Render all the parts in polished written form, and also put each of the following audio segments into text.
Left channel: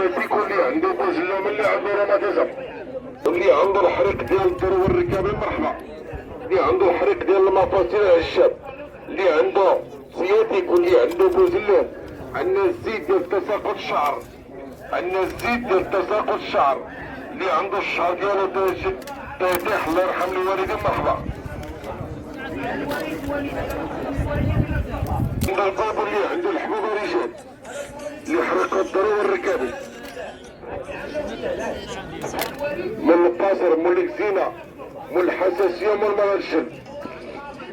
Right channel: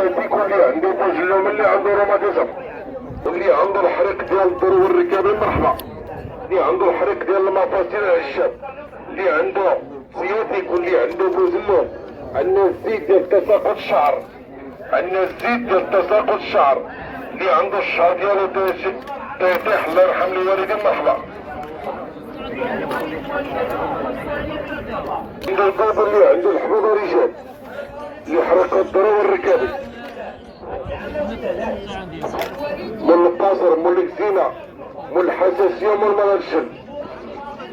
سياسي اللي عنده بوجلوم اللي عنده روماتيزم اللي عنده الحريق ديال الدرو والركاب المرحبا اللي عنده الحريق ديال المفاصل العشاب اللي عنده سياتيك واللي عنده بوجلوم. عندنا الزيت ديال تساقط الشعر، عندنا الزيت ديال تساقط الشعر اللي عنده الشعر ديالو تيطيح الله يرحم الوالدين مرحبا. عنده الباب اللي عنده الحبوب رجال اللي حرق الضرو والركابي من القاصر من الكزينة من الحساسية من مرض الشم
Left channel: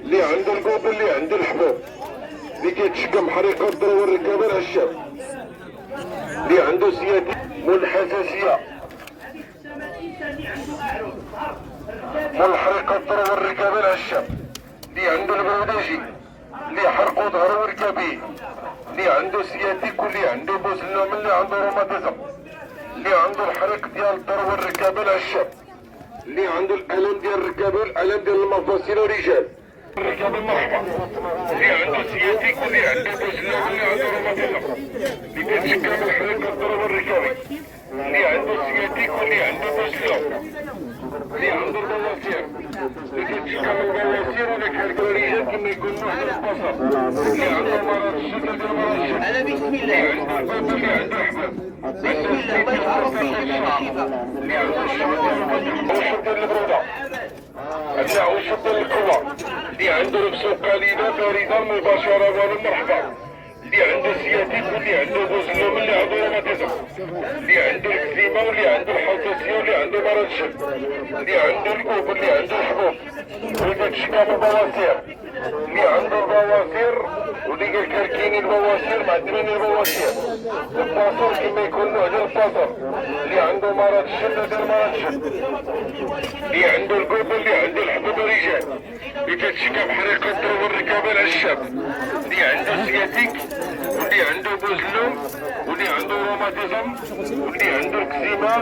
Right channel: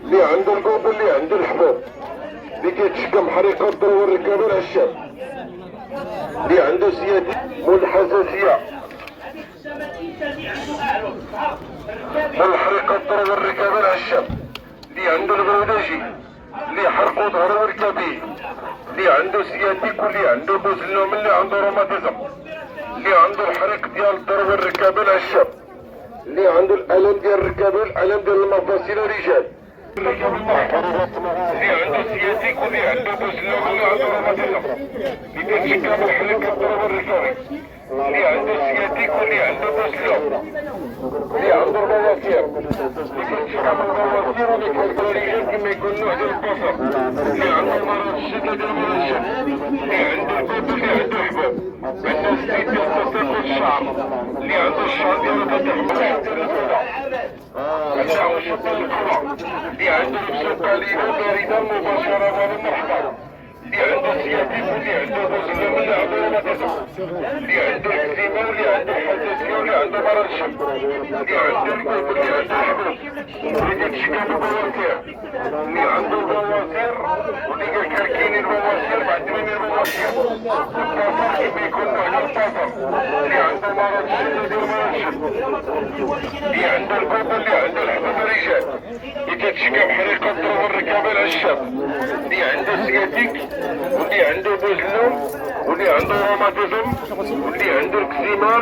اللي عنده القوب اللي عنده الحبوب اللي كيتشكم حريقة الضرو والركابي العشاب اللي عنده سياتي من الحساسية من حريقة الضرو والركابي العشاب اللي عنده البوداجي اللي حرقوا ظهره وركابيه اللي عنده سياتيك واللي عنده بوزلوم اللي عنده روماتيزم اللي عنده الحريق ديال الضرو والركابي العشاب اللي عنده الالم ديال الركابي الالم ديال المفاصل رجال اللي عنده سياتيك واللي عنده بوزلوم واللي عنده روماتيزم اللي كيتشكل بالحريق الضرو والركابي اللي عنده سياتيك واللي عنده بوزلوم اللي عنده البواسير اللي كيتشكل بالبواسير واللي كيركب الرجال كما يقول نوع ديال البصر اللي عنده المرض الشديد ديال المرض اللي عنده الكوب اللي عنده الحبوب عنده الزيت ديال الشعر اللي عنده الشعر ديالو كيتحمل ديال الفضاء عنده عشب ديال القوى اللي عنده نفسه قليله بارده مباشره ومرحبا اللي عنده سياتيك واللي عنده بوزلوم واللي عنده روماتيزم اللي عنده الكزيمه واللي عنده الحساسيه واللي عنده مرض الشم اللي عنده الكوب واللي عنده الحبوب اللي كيتشكى بالبواسير اللي عنده البواسير واللي كيركيني البواسير معدمين البواسير الباصر كما يكون نوع ديال الباصر اللي عنده مرض الشم اللي عنده الكوب واللي عنده الحبوب الرجال اللي كيتشكى بحريقه الضرو والركابي العشاب اللي عنده سياتيك واللي عنده بوزلوم واللي عنده روماتيزم واللي عنده الكزيما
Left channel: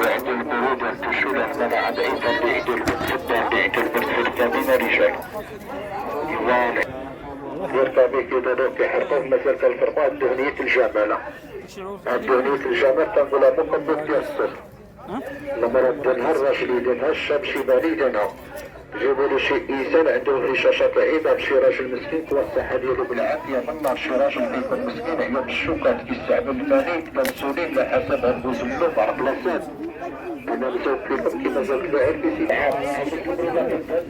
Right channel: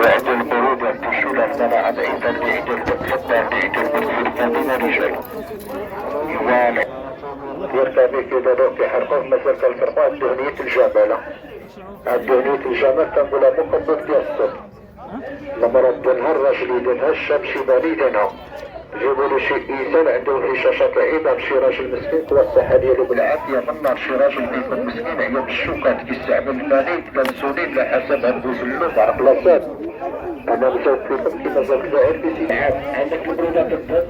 وعنده البرود عنده الشلال منع بعيدا بعيد المتحدى بعيد المتحدى من الرجال فوالا يرتمي كذا دوك كيحرقوه مثلا كنفرقوه الدهنية الجمالة الدهنية الجمال كنقولها مقدم ديال الصف لما ردونها الراجل يدينها الشاب شي بني يدينها جابوا له شي انسان عنده هشاشه كعيبه بشي راجل مسكين توسع ديالو بالعافيه من نار شي راجل كيكون مسكين عيا بالشوكات كيستعمل الفانيل كنسولين على حسب عنده جلو مع بلاصات انا مشيت فيكم كما قلت زعيم في سي عام هذاك البرودة كتبدا